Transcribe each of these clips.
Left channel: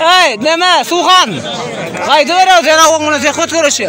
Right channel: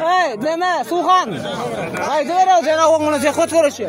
Hey, nima, Suvxon? Qayda beradi yana o'g'lini zehvat ko'rishi?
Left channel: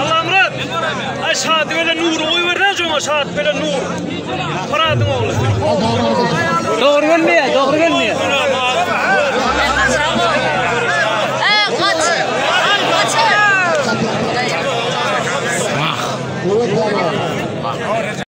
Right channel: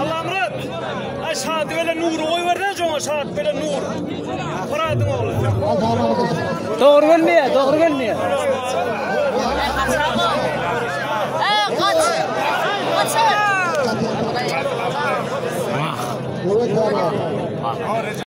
Allah'ım şahit böyle nur oy verden sonra şahit böyle nur. Fırat'ın oğlu. Doğru gelmiyor.